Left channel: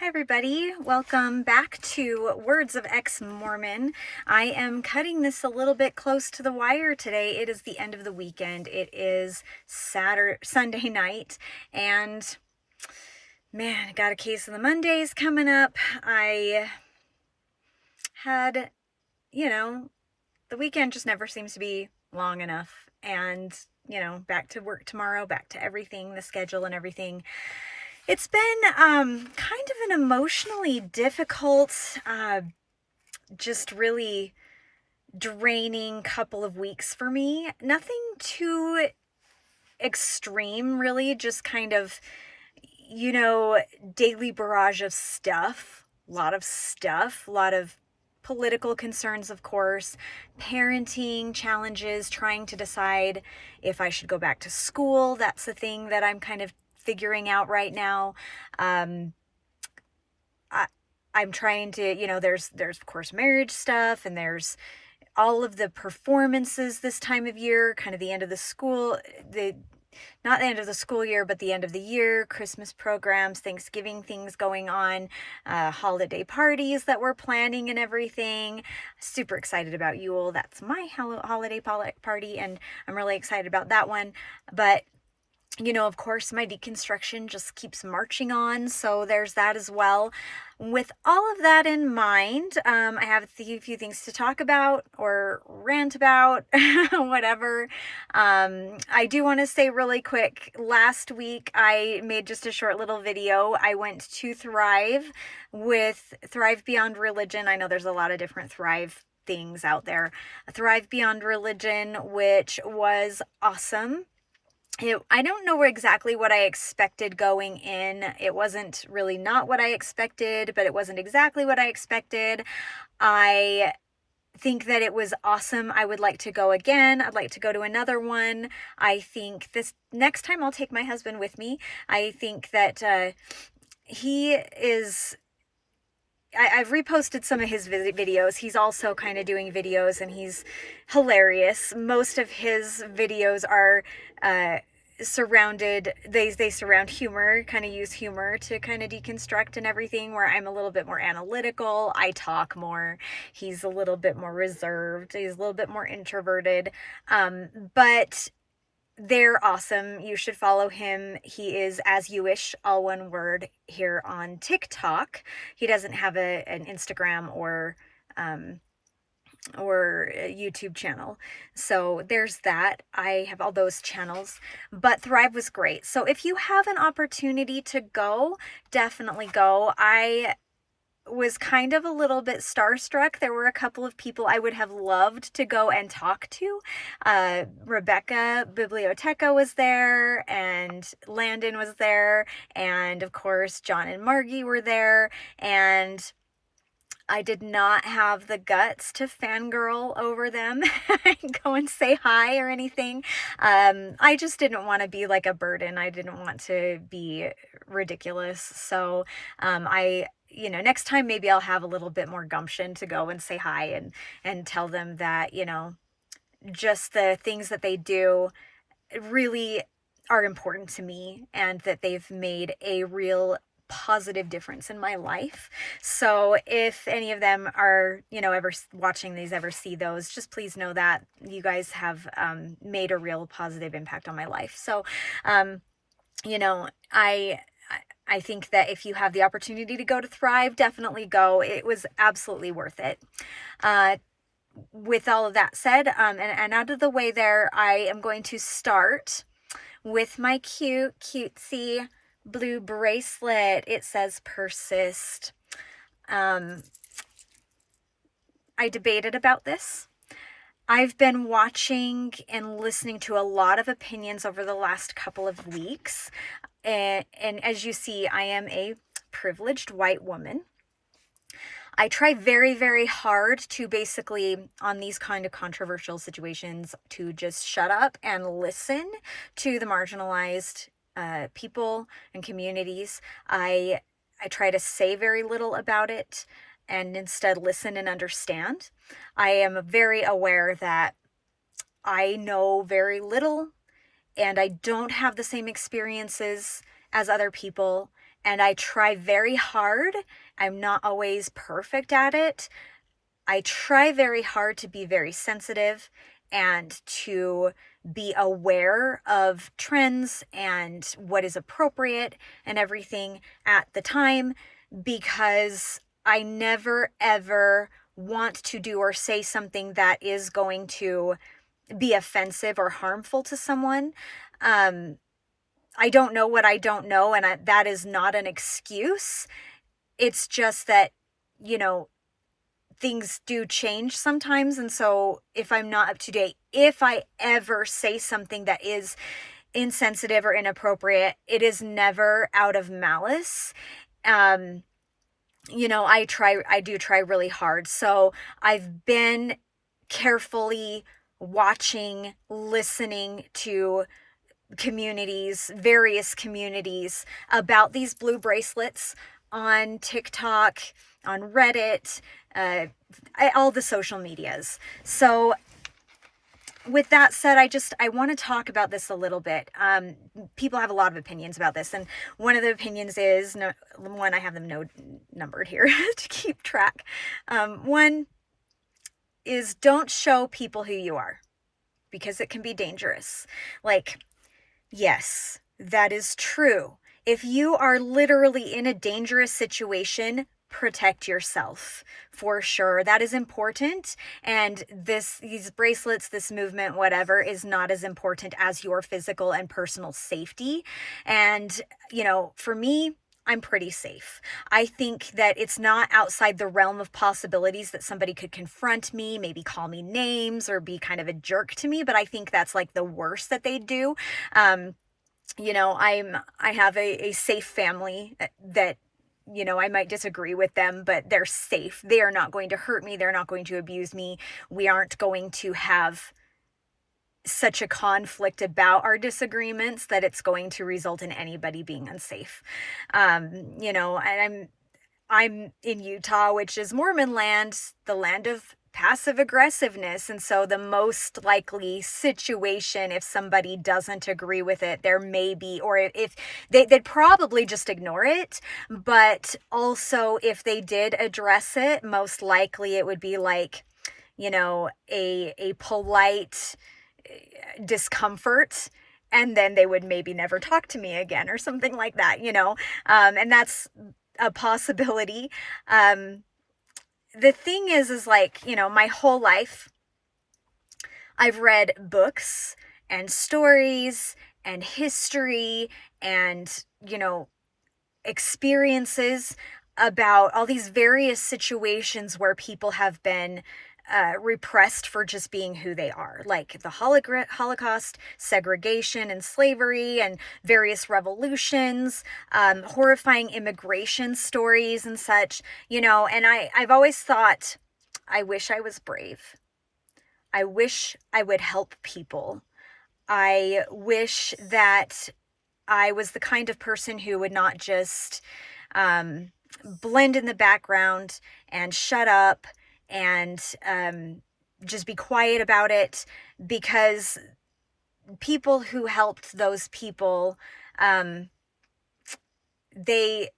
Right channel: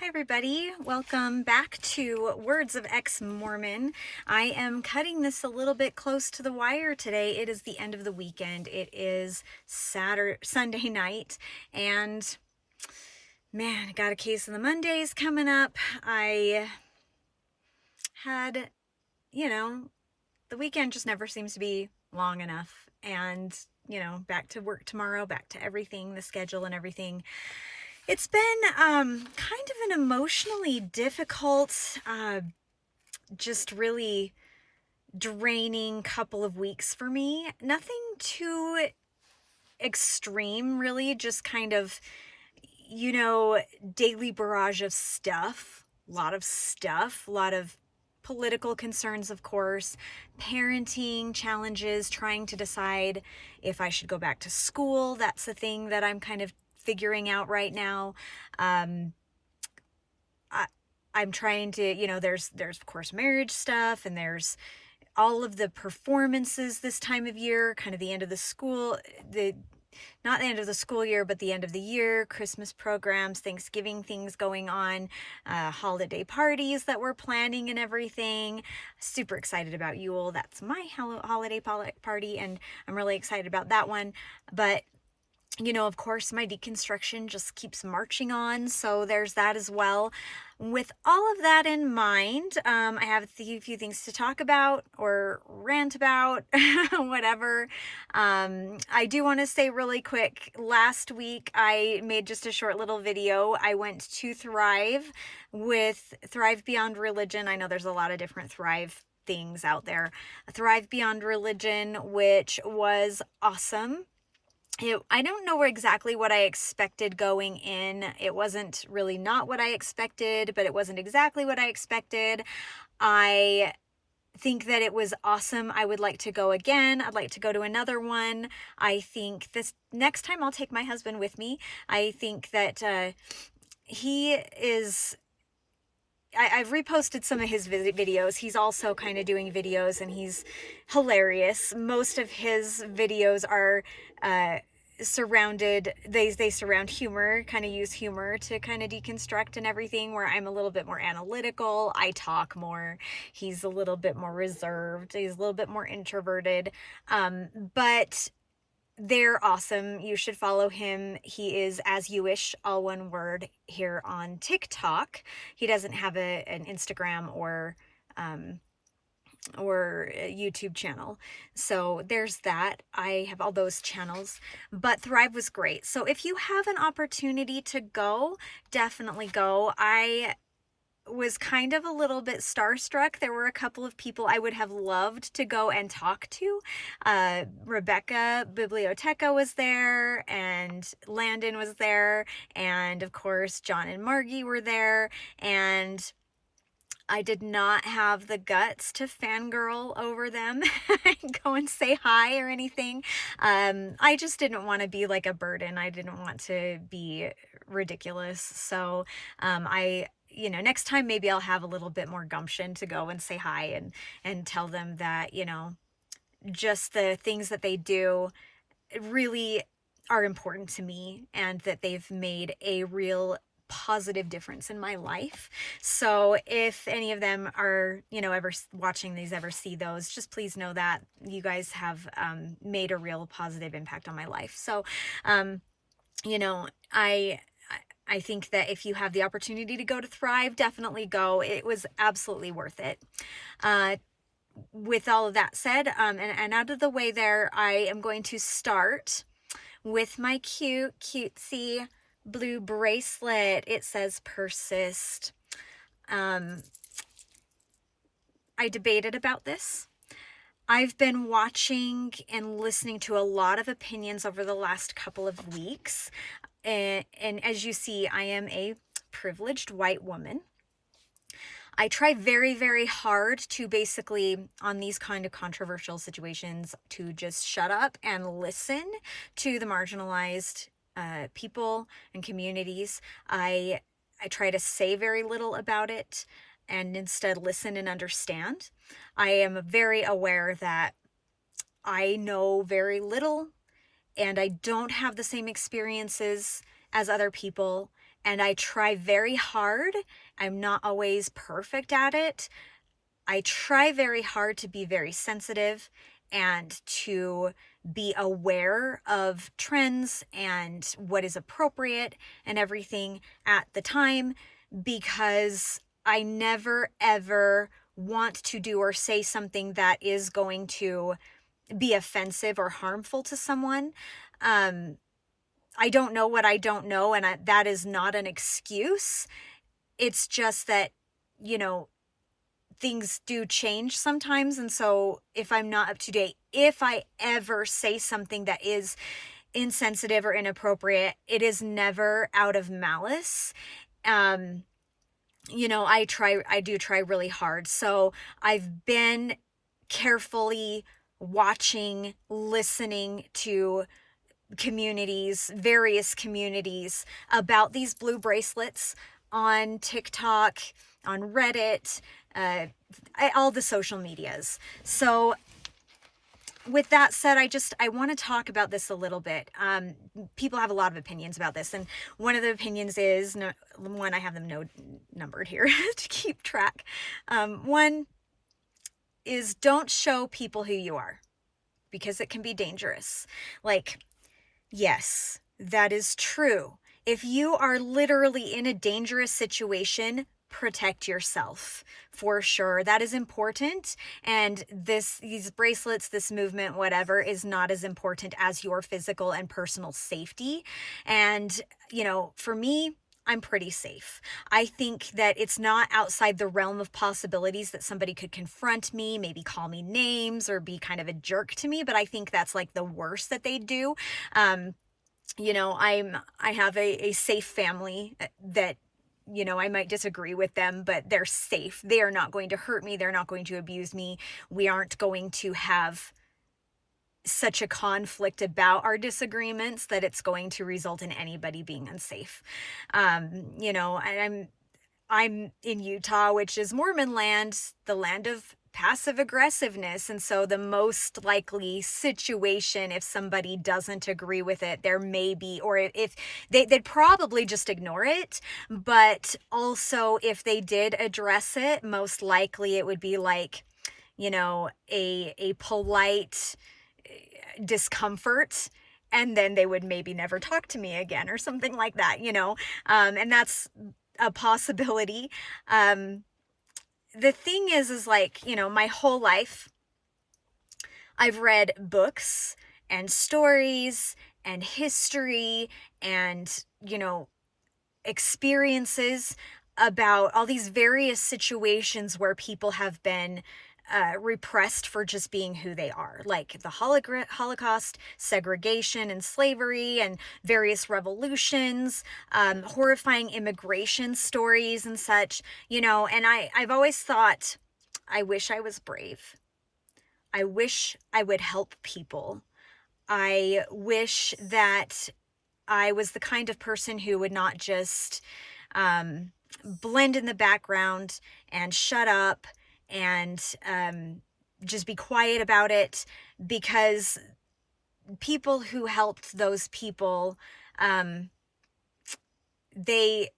Hi everybody, welcome back to Words of Ex-Mormon. I am cutting this a little bit close to the wire today. It is the end of the weekend. It is Sunday night, and man, I got a case of the Mondays coming up. I had, the weekend just never seems to be long enough, and back to work tomorrow, back to everything, the schedule and everything. It's been kind of an emotionally difficult, just really draining couple of weeks for me. Nothing too extreme, really, just kind of, daily barrage of stuff, a lot of political concerns, of course, parenting challenges, trying to decide if I should go back to school. That's the thing that I'm kind of figuring out right now. I'm trying to, there's of course marriage stuff, and there's all of the performances this time of year, kind of the end of not the end of the school year, but the end of the year, Christmas programs, Thanksgiving things going on, holiday parties that we're planning and everything. Super excited about Yule. That's my holiday party, and I'm really excited about that one. But of course, my deconstruction just keeps marching on, so there's that as well. With all of that in mind, I have a few things to talk about or rant about, whatever. I do want to say really quick, last week I made just a short little video. I went to Thrive with Thrive Beyond Religion. I know there's a lot of different Thrive things out there. Thrive Beyond Religion, which was awesome. I don't know exactly what I expected going in. It wasn't really not what I expected, but it wasn't exactly what I expected. I think that it was awesome. I would like to go again. I'd like to go to another one. I think this next time I'll take my husband with me. I think that he is... I've reposted some of his videos. He's also kind of doing videos, and he's hilarious. Most of his videos are they surround humor, kind of use humor to kind of deconstruct and everything, where I'm a little bit more analytical. I talk more. He's a little bit more reserved. He's a little bit more introverted. But they're awesome. You should follow him. He is As You Wish, all one word, here on TikTok. He doesn't have an Instagram or a YouTube channel. So there's that. I have all those channels, but Thrive was great. So if you have an opportunity to go, definitely go. I was kind of a little bit starstruck. There were a couple of people I would have loved to go and talk to. Rebecca Biblioteca was there, and Landon was there, and of course John and Margie were there, and I did not have the guts to fangirl over them and go and say hi or anything. I just didn't want to be like a burden. I didn't want to be ridiculous. So next time maybe I'll have a little bit more gumption to go and say hi and tell them that, just the things that they do really are important to me, and that they've made a real positive difference in my life. So if any of them are, ever watching these, ever see those, just please know that you guys have made a real positive impact on my life. So, I think that if you have the opportunity to go to Thrive, definitely go. It was absolutely worth it. With all of that said, and out of the way there, I am going to start with my cutesy blue bracelet. It says persist. I debated about this. I've been watching and listening to a lot of opinions over the last couple of weeks. And as you see, I am a privileged white woman. I try very, very hard to basically, on these kind of controversial situations, to just shut up and listen to the marginalized people and communities. I try to say very little about it and instead listen and understand. I am very aware that I know very little, and I don't have the same experiences as other people, and I try very hard. I'm not always perfect at it. I try very hard to be very sensitive and to be aware of trends and what is appropriate and everything at the time, because I never ever want to do or say something that is going to be offensive or harmful to someone. I don't know what I don't know, and that is not an excuse. It's just that, things do change sometimes. And so if I'm not up to date, if I ever say something that is insensitive or inappropriate, it is never out of malice. I do try really hard. So I've been carefully watching, listening to various communities about these blue bracelets on TikTok, on Reddit, all the social medias. So with that said, I want to talk about this a little bit. People have a lot of opinions about this, and one of the opinions is, I have them numbered here to keep track. One is, don't show people who you are, because it can be dangerous. Like, yes, that is true. If you are literally in a dangerous situation, protect yourself for sure. That is important. And these bracelets, this movement, whatever, is not as important as your physical and personal safety. And, for me, I'm pretty safe. I think that it's not outside the realm of possibilities that somebody could confront me, maybe call me names or be kind of a jerk to me, but I think that's like the worst that they do. I have a safe family that, I might disagree with them, but they're safe. They are not going to hurt me. They're not going to abuse me. We aren't going to have such a conflict about our disagreements that it's going to result in anybody being unsafe. And I'm in Utah, which is Mormon land, the land of passive aggressiveness. And so the most likely situation, if somebody doesn't agree with it, there may be, or if they'd probably just ignore it. But also if they did address it, most likely it would be like, a polite discomfort, and then they would maybe never talk to me again or something like that, and that's a possibility. The thing is like, my whole life I've read books and stories and history and, experiences about all these various situations where people have been repressed for just being who they are, like the Holocaust, segregation and slavery, and various revolutions, horrifying immigration stories and such, and I've always thought, I wish I was brave. I wish I would help people. I wish that I was the kind of person who would not just blend in the background and shut up and just be quiet about it, because people who helped those people, they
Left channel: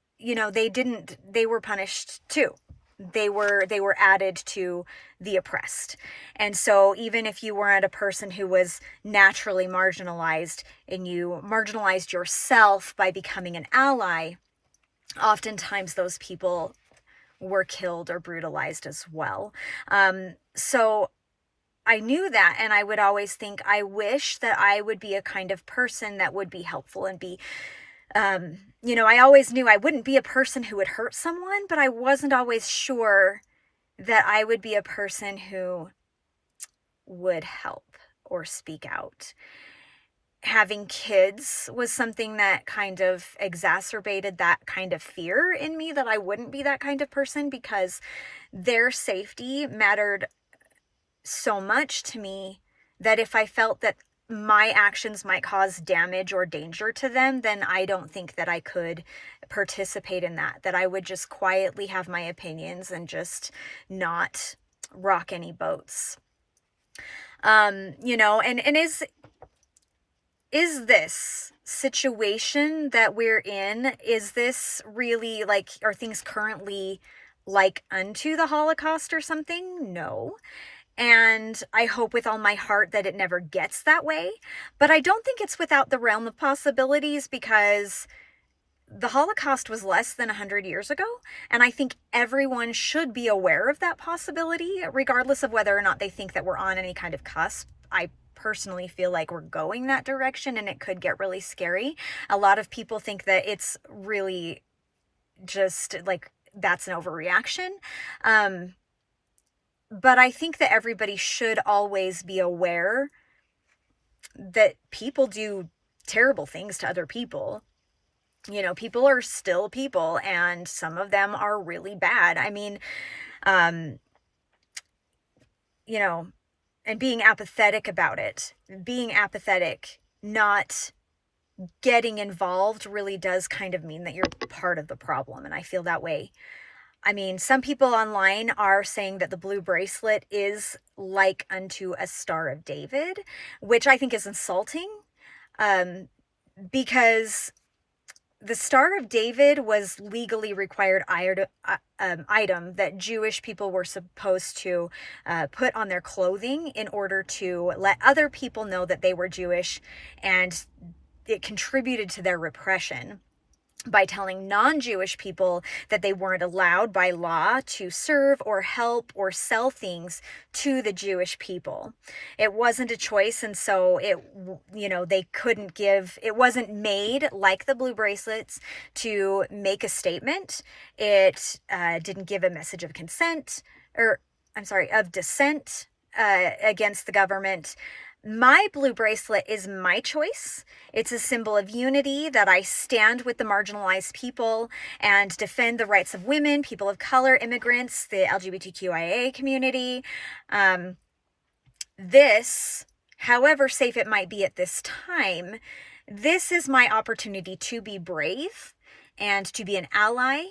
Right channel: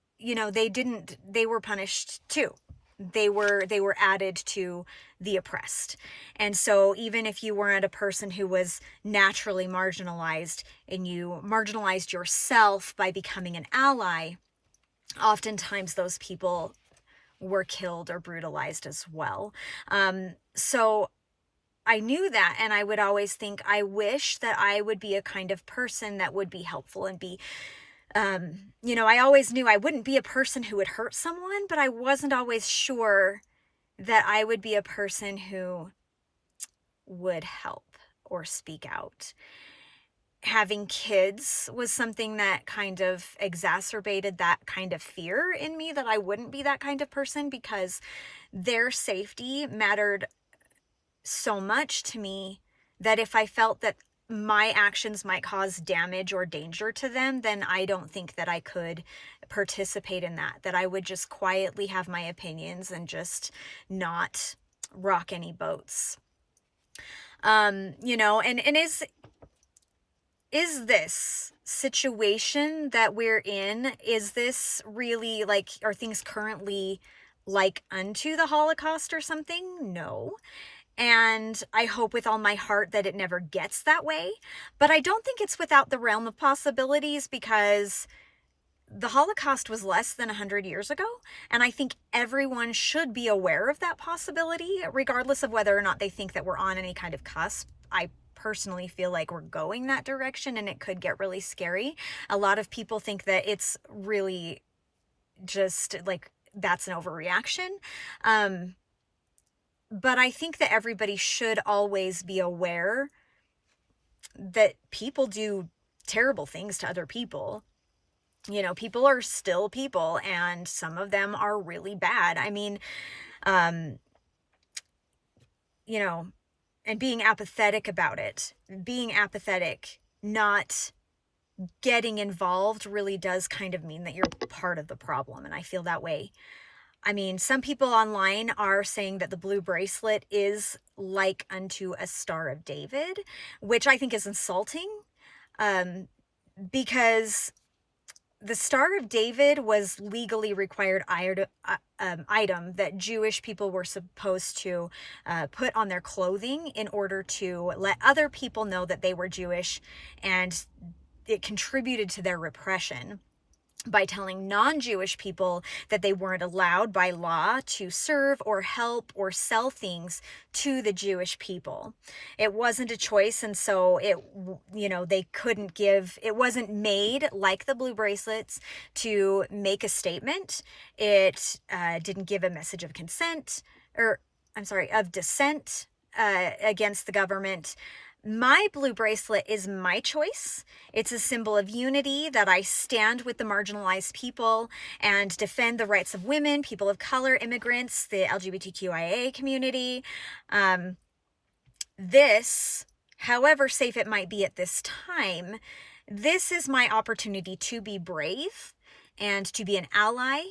were punished too. They were added to the oppressed. And so even if you weren't a person who was naturally marginalized and you marginalized yourself by becoming an ally, oftentimes those people were killed or brutalized as well. So I knew that, and I would always think, I wish that I would be a kind of person that would be helpful and be, I always knew I wouldn't be a person who would hurt someone, but I wasn't always sure that I would be a person who would help or speak out. Having kids was something that kind of exacerbated that kind of fear in me, that I wouldn't be that kind of person, because their safety mattered so much to me that if I felt that my actions might cause damage or danger to them, then I don't think that I could participate in that I would just quietly have my opinions and just not rock any boats. And is this situation that we're in, is this really like, are things currently like unto the Holocaust or something? No. And I hope with all my heart that it never gets that way. But I don't think it's without the realm of possibilities, because the Holocaust was less than 100 years ago. And I think everyone should be aware of that possibility, regardless of whether or not they think that we're on any kind of cusp. I personally feel like we're going that direction, and it could get really scary. A lot of people think that it's really just like, that's an overreaction. But I think that everybody should always be aware that people do terrible things to other people. You know, people are still people, and some of them are really bad. I mean, you know, and being apathetic about it, not getting involved, really does kind of mean that you're part of the problem. And I feel that way. I mean, some people online are saying that the blue bracelet is like unto a Star of David, which I think is insulting, because the Star of David was legally required item that Jewish people were supposed to put on their clothing in order to let other people know that they were Jewish, and it contributed to their repression by telling non-Jewish people that they weren't allowed by law to serve or help or sell things to the Jewish people. It wasn't a choice, and so they couldn't give, it wasn't made like the blue bracelets to make a statement. It didn't give a message of consent, of dissent against the government. My blue bracelet is my choice. It's a symbol of unity, that I stand with the marginalized people and defend the rights of women, people of color, immigrants, the LGBTQIA community. This, however safe it might be at this time, this is my opportunity to be brave and to be an ally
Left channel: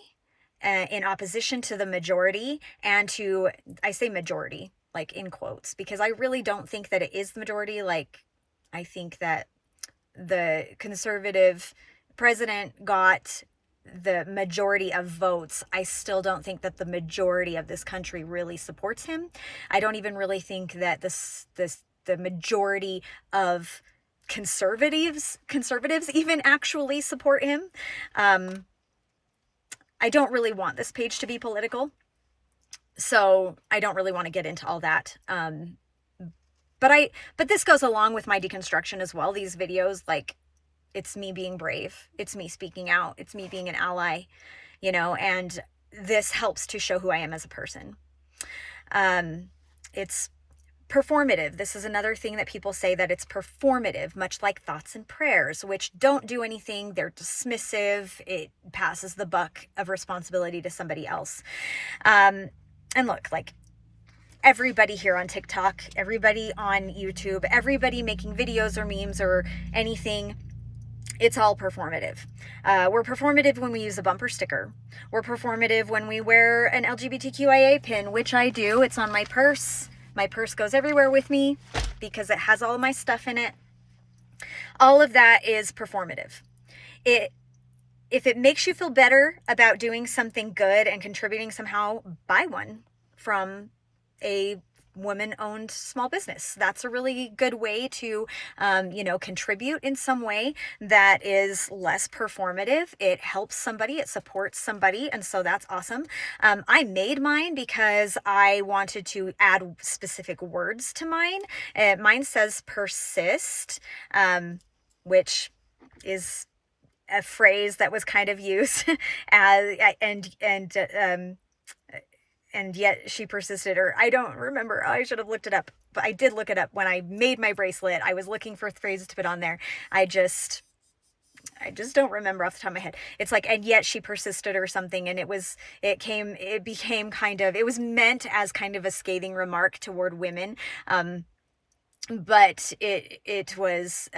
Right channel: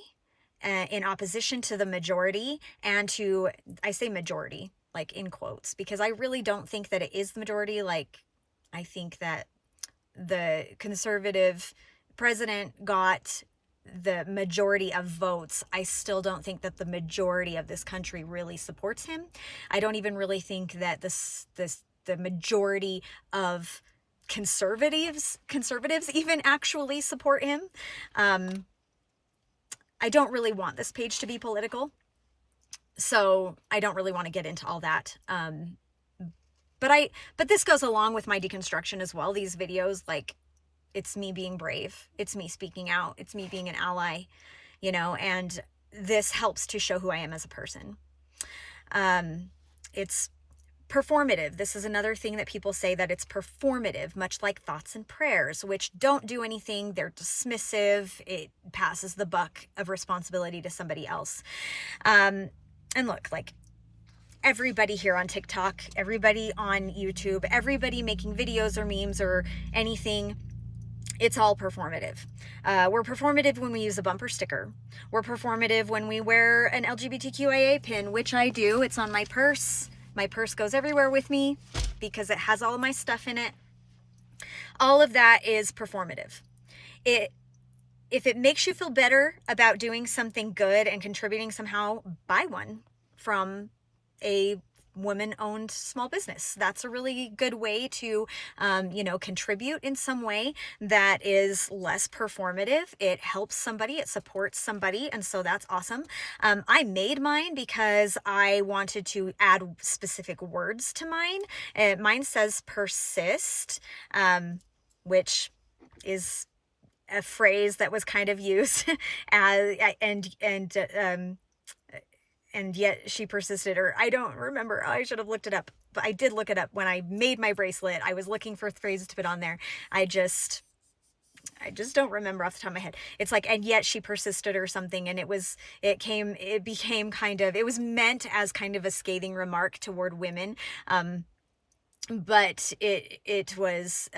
in opposition to the majority, and to, I say majority, like in quotes, because I really don't think that it is the majority. Like, I think that the conservative president got the majority of votes. I still don't think that the majority of this country really supports him. I don't even really think that the majority of conservatives even actually support him. I don't really want this page to be political, so I don't really want to get into all that. But this goes along with my deconstruction as well. These videos, like, it's me being brave. It's me speaking out. It's me being an ally, and this helps to show who I am as a person. It's performative. This is another thing that people say, that it's performative, much like thoughts and prayers, which don't do anything. They're dismissive. It passes the buck of responsibility to somebody else. And look, like, everybody here on TikTok, everybody on YouTube, everybody making videos or memes or anything, it's all performative. We're performative when we use a bumper sticker. We're performative when we wear an LGBTQIA pin, which I do. It's on my purse. My purse goes everywhere with me because it has all of my stuff in it. All of that is performative. If it makes you feel better about doing something good and contributing somehow, buy one from a woman-owned small business. That's a really good way to, contribute in some way that is less performative. It helps somebody, it supports somebody, and so that's awesome. I made mine because I wanted to add specific words to mine. Mine says persist, which is a phrase that was kind of used as, and yet she persisted, or I don't remember. I should have looked it up, but I did look it up when I made my bracelet. I was looking for phrases to put on there. I just don't remember off the top of my head. It's like, and yet she persisted or something. And it was meant as kind of a scathing remark toward women. but it was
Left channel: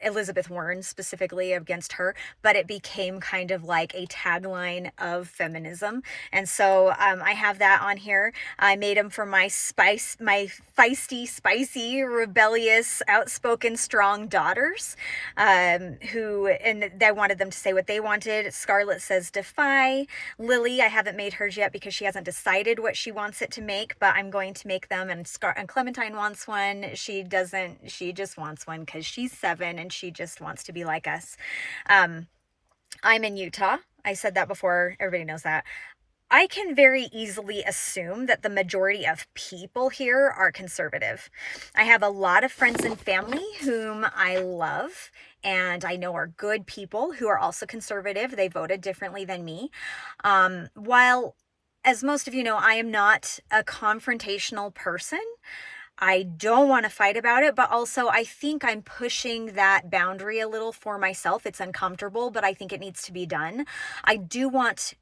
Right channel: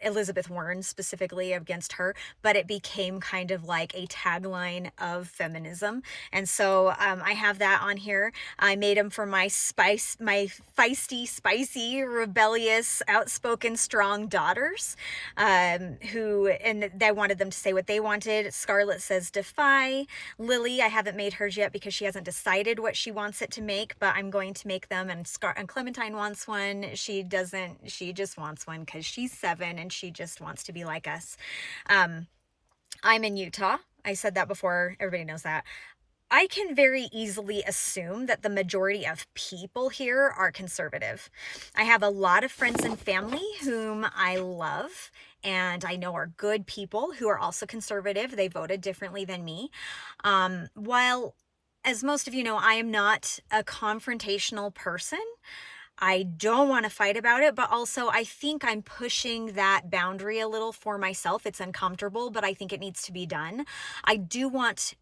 Elizabeth Warren specifically against her, but it became kind of like a tagline of feminism. And so I have that on here. I made them for my feisty, spicy, rebellious, outspoken, strong daughters, and I wanted them to say what they wanted. Scarlett says defy. Lily, I haven't made hers yet because she hasn't decided what she wants it to make, but I'm going to make them. And Clementine wants one. She just wants one because she's 7 and she just wants to be like us. I'm in Utah. I said that before. Everybody knows that. I can very easily assume that the majority of people here are conservative. I have a lot of friends and family whom I love and I know are good people who are also conservative. They voted differently than me. While, as most of you know, I am not a confrontational person. I don't want to fight about it, but also I think I'm pushing that boundary a little for myself. It's uncomfortable, but I think it needs to be done. I do want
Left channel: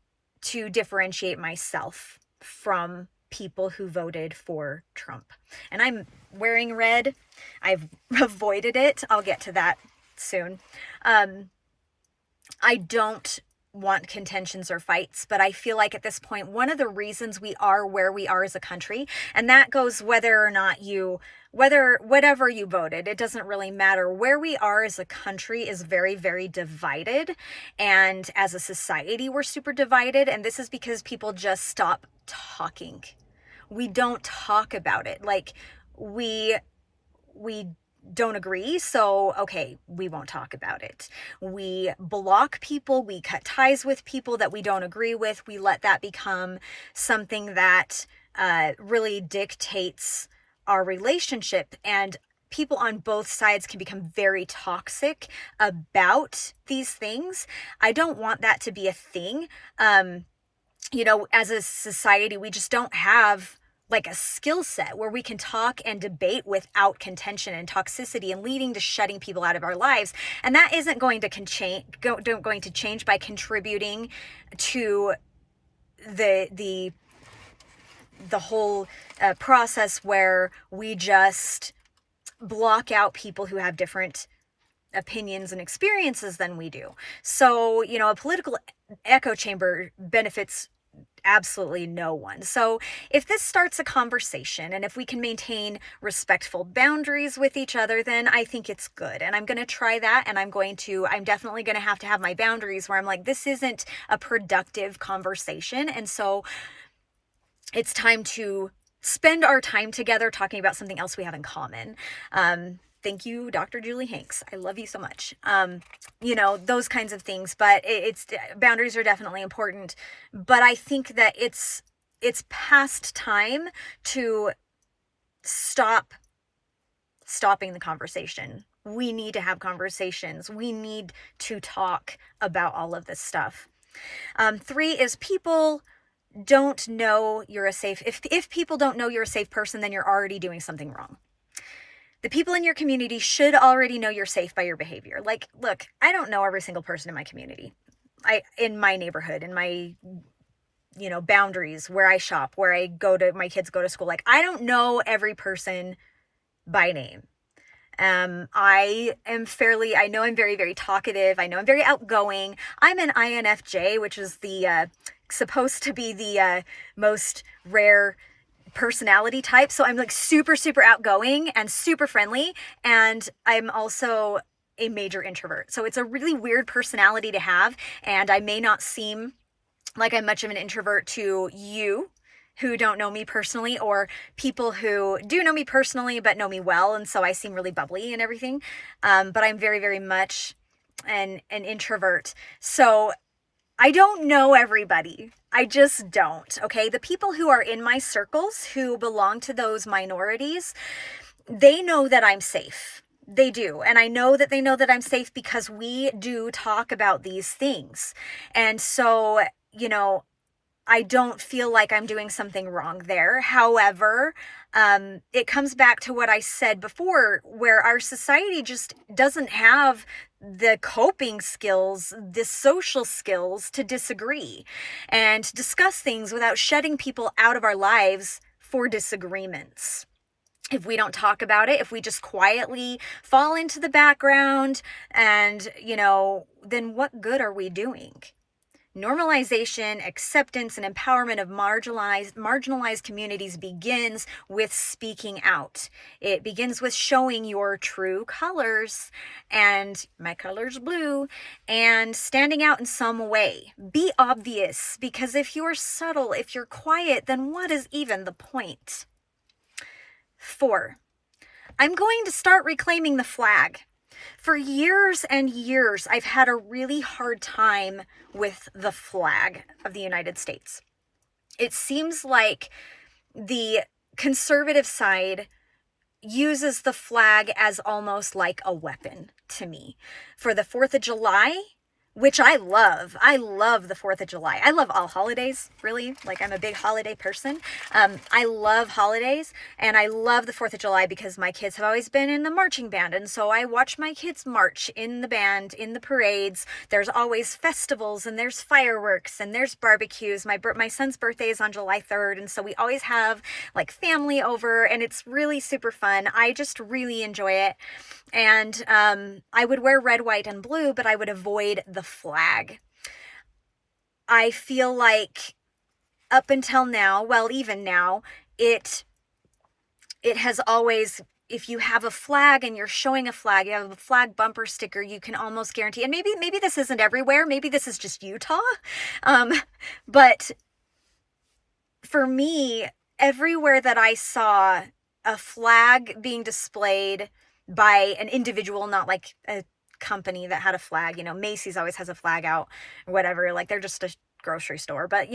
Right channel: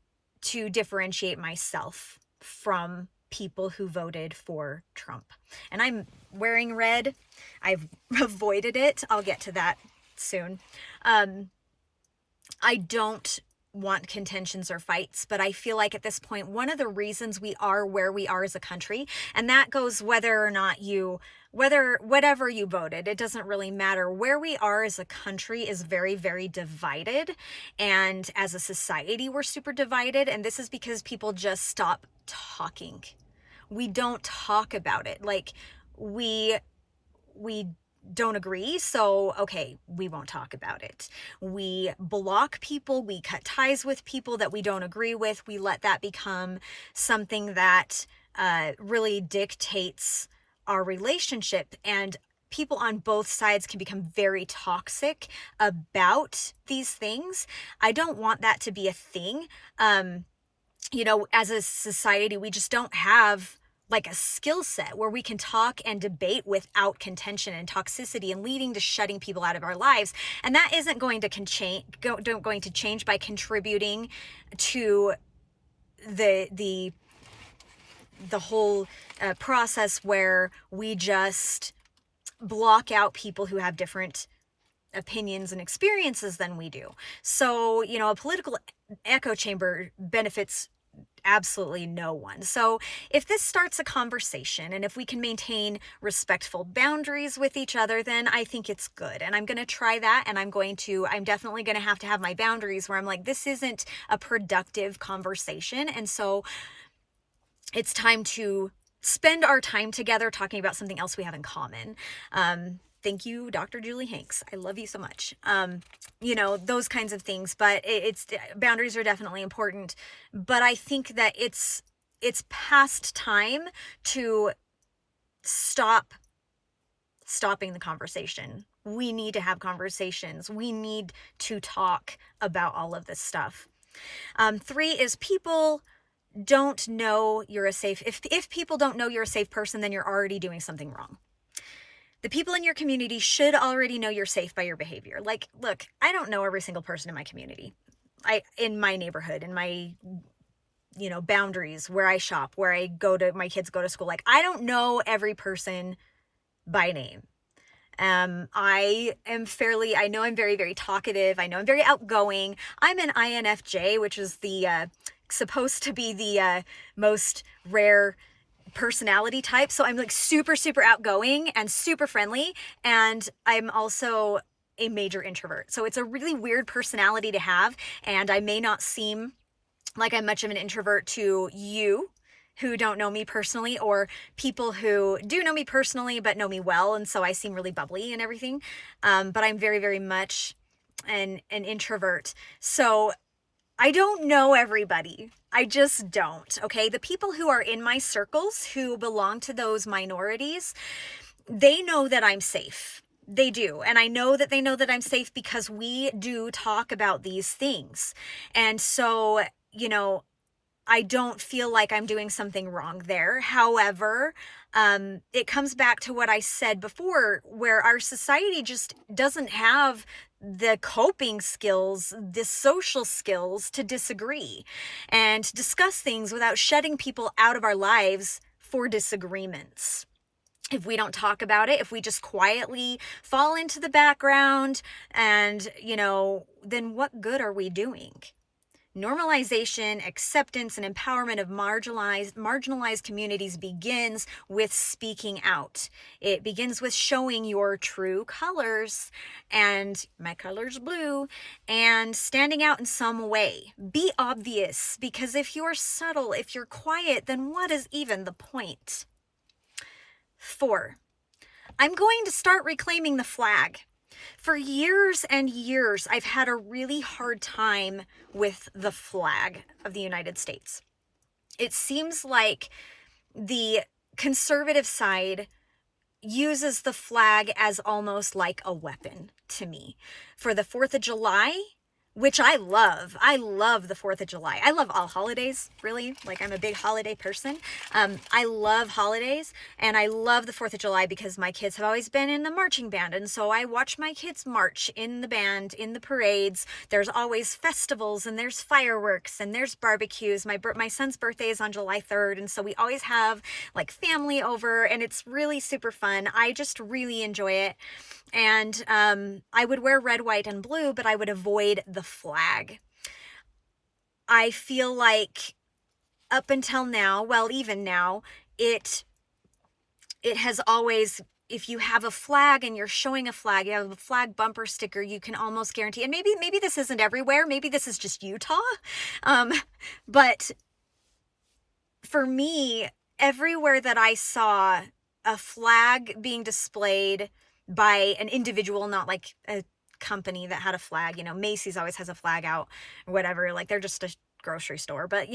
to differentiate myself from people who voted for Trump. And I'm wearing red. I've avoided it. I'll get to that soon. I don't want contentions or fights, but I feel like at this point, one of the reasons we are where we are as a country, and that goes whether or not whatever you voted, it doesn't really matter. Where we are as a country is very, very divided. And as a society, we're super divided. And this is because people just stop talking. We don't talk about it. Like we don't agree, so okay, we won't talk about it. We block people, we cut ties with people that we don't agree with. We let that become something that really dictates our relationship, and people on both sides can become very toxic about these things. I don't want that to be a thing. As a society, we just don't have like a skill set where we can talk and debate without contention and toxicity and leading to shutting people out of our lives. And that isn't going to change by contributing to the whole process where we just block out people who have different opinions and experiences than we do. So, a political echo chamber benefits absolutely no one. So if this starts a conversation and if we can maintain respectful boundaries with each other, then I think it's good. And I'm going to try that. And I'm definitely going to have my boundaries where I'm like, this isn't a productive conversation. And so it's time to spend our time together talking about something else we have in common. Thank you, Dr. Julie Hanks. I love you so much. Those kinds of things, but it's boundaries are definitely important, but I think that it's past time to stopping the conversation. We need to have conversations. We need to talk about all of this stuff. 3 is people don't know you're a safe, if people don't know you're a safe person, then you're already doing something wrong. The people in your community should already know you're safe by your behavior. Like, look, I don't know every single person in my community, in my neighborhood, in my, boundaries, where I shop, where my kids go to school. Like, I don't know every person by name. I know I'm very, very talkative. I know I'm very outgoing. I'm an INFJ, which is the, supposed to be the most rare personality type. So I'm like super, super outgoing and super friendly. And I'm also a major introvert. So it's a really weird personality to have. And I may not seem like I'm much of an introvert to you who don't know me personally, or people who do know me personally, but know me well. And so I seem really bubbly and everything. But I'm very, very much an introvert. So I don't know everybody. I just don't, okay? The people who are in my circles who belong to those minorities, they know that I'm safe. They do. And I know that they know that I'm safe because we do talk about these things. And so, I don't feel like I'm doing something wrong there. However, it comes back to what I said before, where our society just doesn't have the coping skills, the social skills to disagree and discuss things without shutting people out of our lives for disagreements. if we don't talk about it, if we just quietly fall into the background, and, then what good are we doing? Normalization, acceptance, and empowerment of marginalized communities begins with speaking out. It begins with showing your true colors, and my color's blue, and standing out in some way. Be obvious, because if you're subtle, if you're quiet, then what is even the point? 4, I'm going to start reclaiming the flag. For years and years, I've had a really hard time with the flag of the United States. It seems like the conservative side uses the flag as almost like a weapon to me. For the 4th of July, which I love. I love the 4th of July. I love all holidays, really. Like, I'm a big holiday person. I love holidays, and I love the 4th of July because my kids have always been in the marching band, and so I watch my kids march in the band, in the parades. There's always festivals, and there's fireworks, and there's barbecues. My son's birthday is on July 3rd, and so we always have, like, family over, and it's really super fun. I just really enjoy it. And I would wear red, white, and blue, but I would avoid the flag. I feel like up until now, well, even now, it has always, if you have a flag and you're showing a flag, you have a flag bumper sticker, you can almost guarantee, and maybe this isn't everywhere, maybe this is just Utah, but for me, everywhere that I saw a flag being displayed by an individual, not like a company that had a flag, Macy's always has a flag out or whatever, like they're just a grocery store, but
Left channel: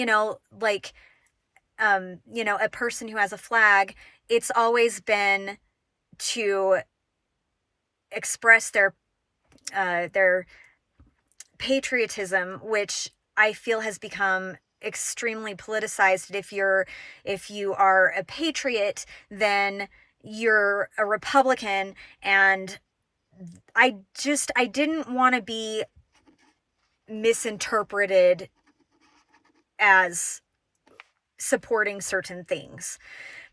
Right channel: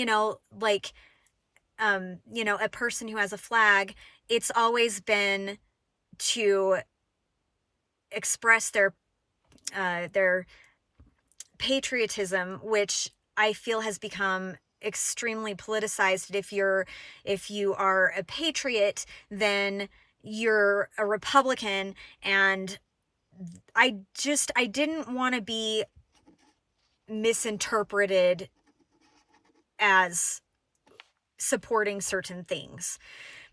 like, a person who has a flag, it's always been to express their patriotism, which I feel has become extremely politicized. If you are a patriot, then you're a Republican, and I didn't want to be misinterpreted as supporting certain things.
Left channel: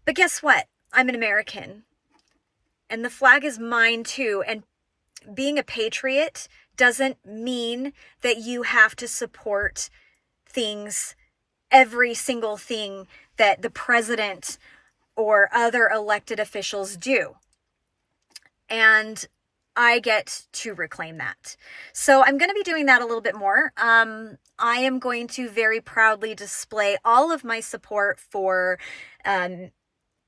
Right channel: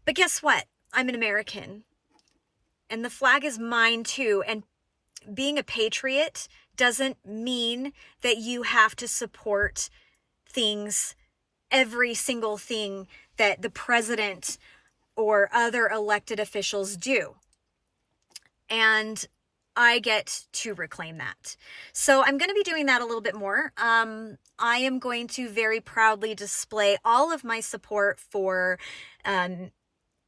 But guess what? I'm an American, and the flag is mine too, and being a patriot doesn't mean that you have to support things, every single thing that the president or other elected officials do. And I get to reclaim that. So I'm going to be doing that a little bit more. I am going to very proudly display all of my support for, the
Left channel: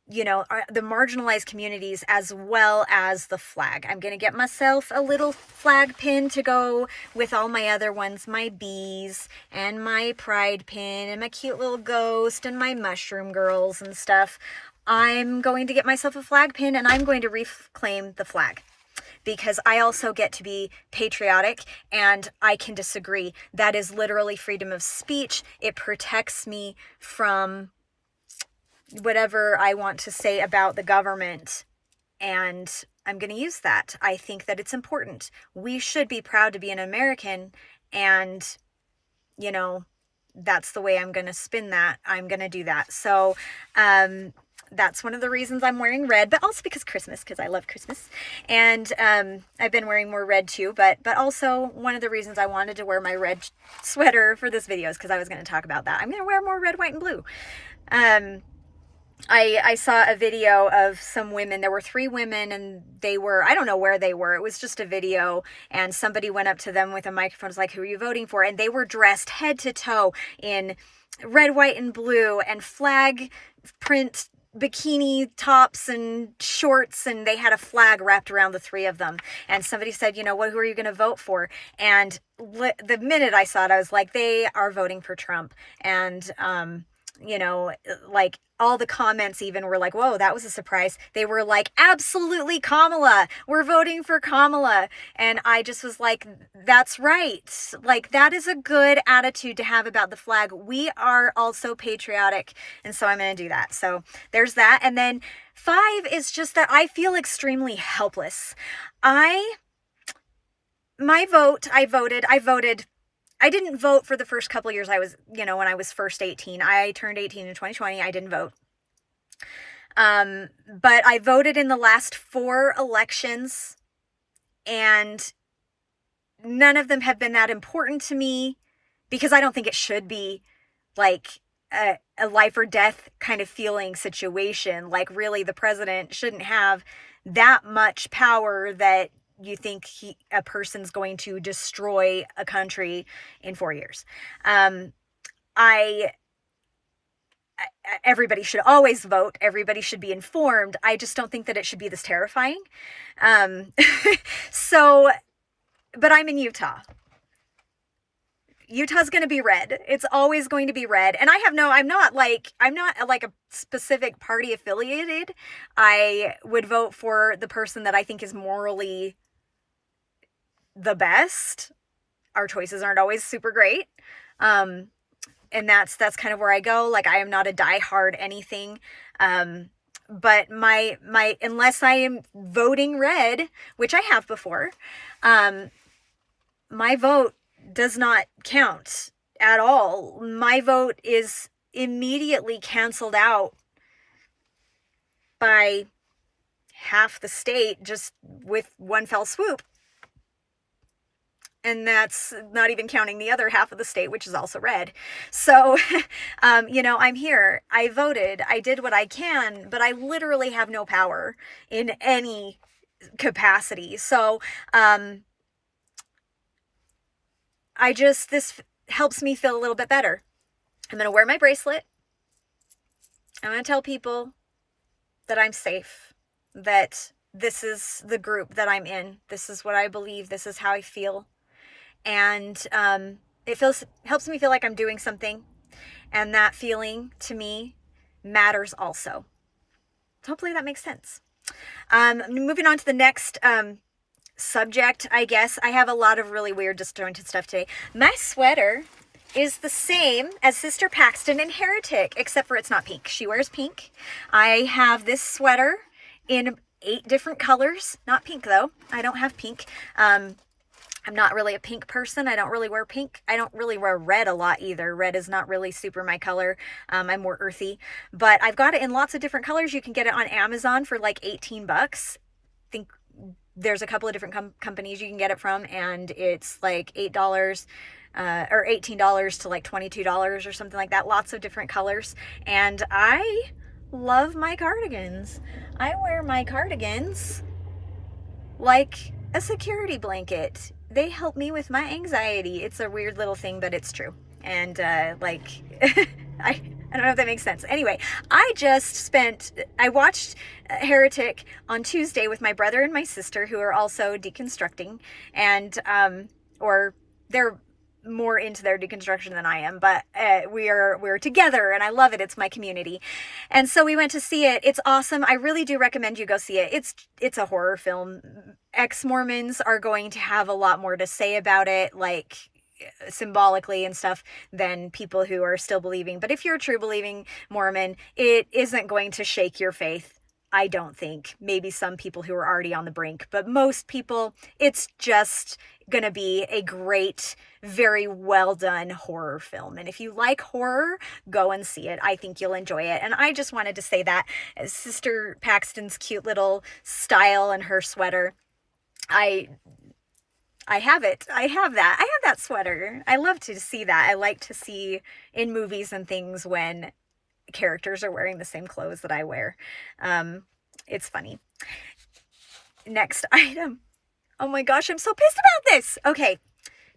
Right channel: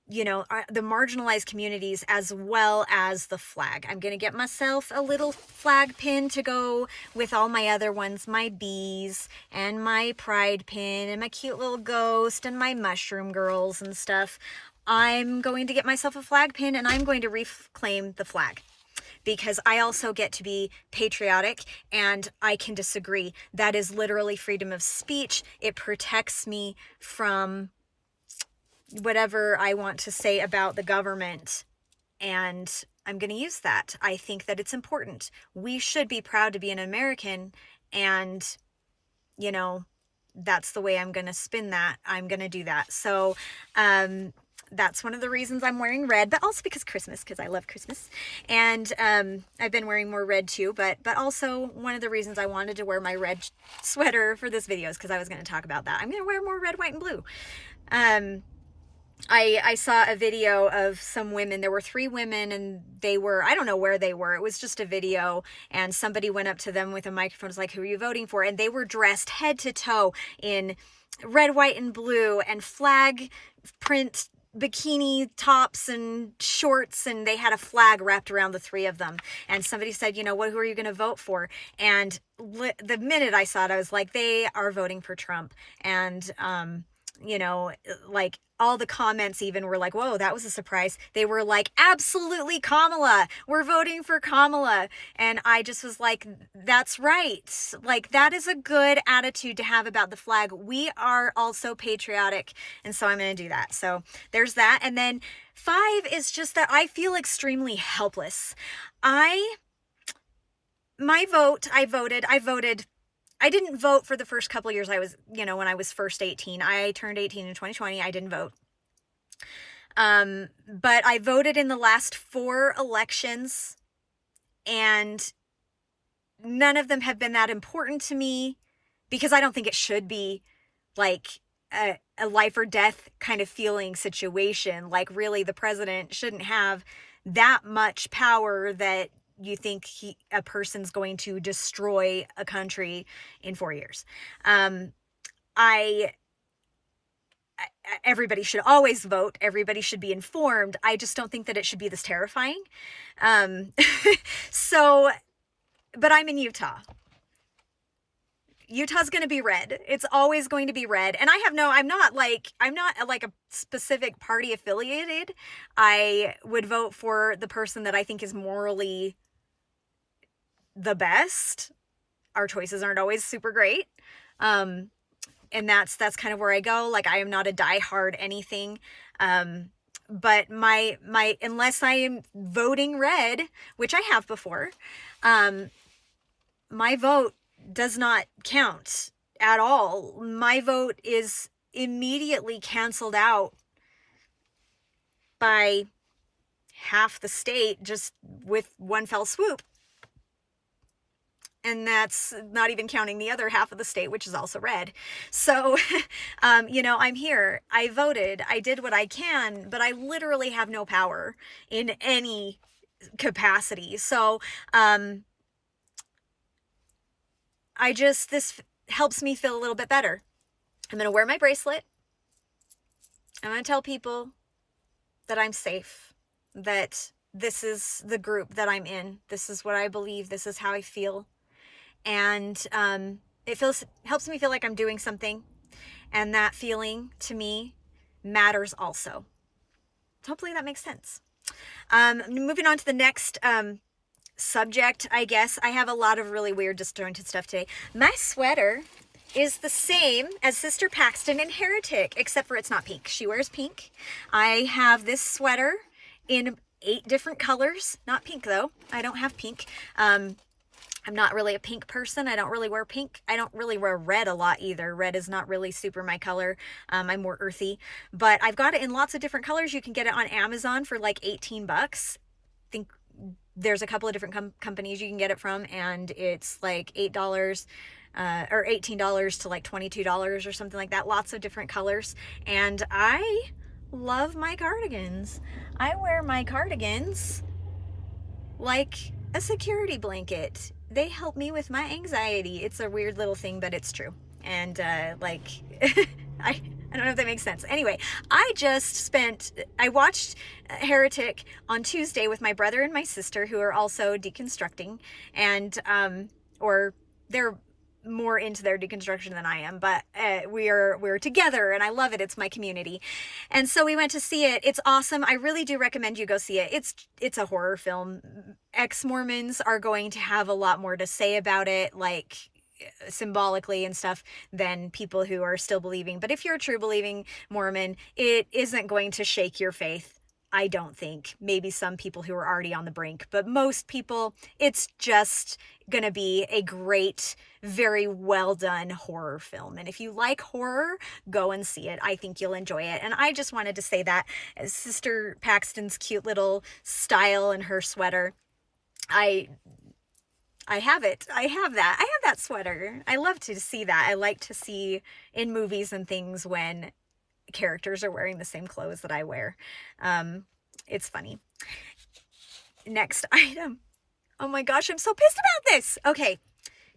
marginalized communities, as well as the flag. I'm going to get myself a little flag pin to go with all my other ones, my bees and my pride pin and my cute little ghost and my mushroom girls and stuff. I'm going to get myself a flag pin, and I'm going to reclaim the flag, because I also get to be patriotic, and I can disagree. That is literally freedom of speech. It protects me from whatever I want to say about the government, and I'm going to use that. I think that it's important. We should be proud to be an American, and, that's the way I'm going to spin that. I'm going to do that. So, that's one of the reasons I'm wearing red, but also because I love Christmas. And I've been wearing more red too, but also one of the reasons I wanted to wear my red sweater for this video is because I was going to talk about that. I'm going to wear more red, white, and blue. I saw a video of some women. There were 3 women, and I don't know where they were. It was just a video, and somebody went up to them with a microphone. It was like, who are you voting for? And they were dressed head to toe in red, white, and blue, and flag print bikini tops and shorts, and they had a flag wrapped around the 3 of them. And somebody said, who are you going to vote for? And the minute I saw it, I was like, they are voting for Trump. And like, all the comments even were like, whoa, that was a surprise. They were like, absolutely, Kamala, we're voting for Kamala. And I just was like, that's right. Like, that is a good attitude to have about the flag. We are also patriotic. And so I'm going to do that. So there's that. And then 5 is just that I feel extremely helpless. I voted. I didn't vote for the first couple of years. I was, when I was first 18. I turned 18 in 2020. I didn't vote. But I voted in the last 4 elections, and none of them have been that important to me because I don't think it should be like a life or death kind of feeling situation. Like, really, the president shouldn't have that much power that you think a person's going to destroy a country in 4 years. Everybody should always vote. Everybody should be informed. I just don't think that it should be this terrifying. So, but I'm in Utah. Utah's going to be red. It's always going to be red. And I'm not like a specific party affiliated. I would vote for the person that I think is morally the best. Our choices aren't always super great. And that's kind of where I go. Like, I am not a diehard anything. But my unless I am voting red, which I have before, my vote does not count at all. My vote is immediately canceled out by half the state just with one fell swoop. And that's not even counting the other half of the state, which is also red. So, I'm here. I voted. I did what I can, but I literally have no power in any capacity. So, this helps me feel a little bit better. I'm going to wear my bracelet. I'm going to tell people that I'm safe, that this is the group that I'm in. This is what I believe. This is how I feel. And it helps me feel like I'm doing something, and that feeling to me matters also. So hopefully that makes sense. Moving on to the next subject, I guess. I have a lot of really weird, disjointed stuff today. My sweater is the same as Sister Paxton in Heretic, except for it's not pink. She wears pink. I have this sweater in 8 different colors. Not pink, though. I don't have pink. I'm not really a pink person. I don't really wear pink. I don't really wear red a lot either. Red is not really super my color. I'm more earthy, but I've got it in lots of different colors. You can get it on Amazon for like $18. I think there's a couple of different companies you can get it from, and it's like $8 or $18 to like $22 or something like that. Lots of different colors. And I love my cardigans. I wear my cardigans like a security blanket. They help me with my anxiety. It's a weird little thing, but it's true. And I don't know if that makes sense. Anyway, I watched Heretic on Tuesday with my brother and my sister, who are also deconstructing, and or they're more into their deconstruction than I am, but we're together, and I love it. It's my community. And so we went to see it. It's awesome. I really do recommend you go see it. It's a horror film. Ex-Mormons are going to have a lot more to say about it, like symbolically and stuff, than people who are still believing. But if you're a true believing Mormon, it isn't going to shake your faith. I don't think. Maybe some people who are already on the brink, but most people, it's just going to be a great, very well done horror film. And if you like horror, go and see it. I think you'll enjoy it. And I just wanted to say that Sister Paxton's cute little style and her sweater, I have it. I have that sweater. I love to see that. I like to see in movies and things when characters are wearing the same clothes that I wear. It's funny. Next item. Oh my gosh, I'm so pissed about this. Okay.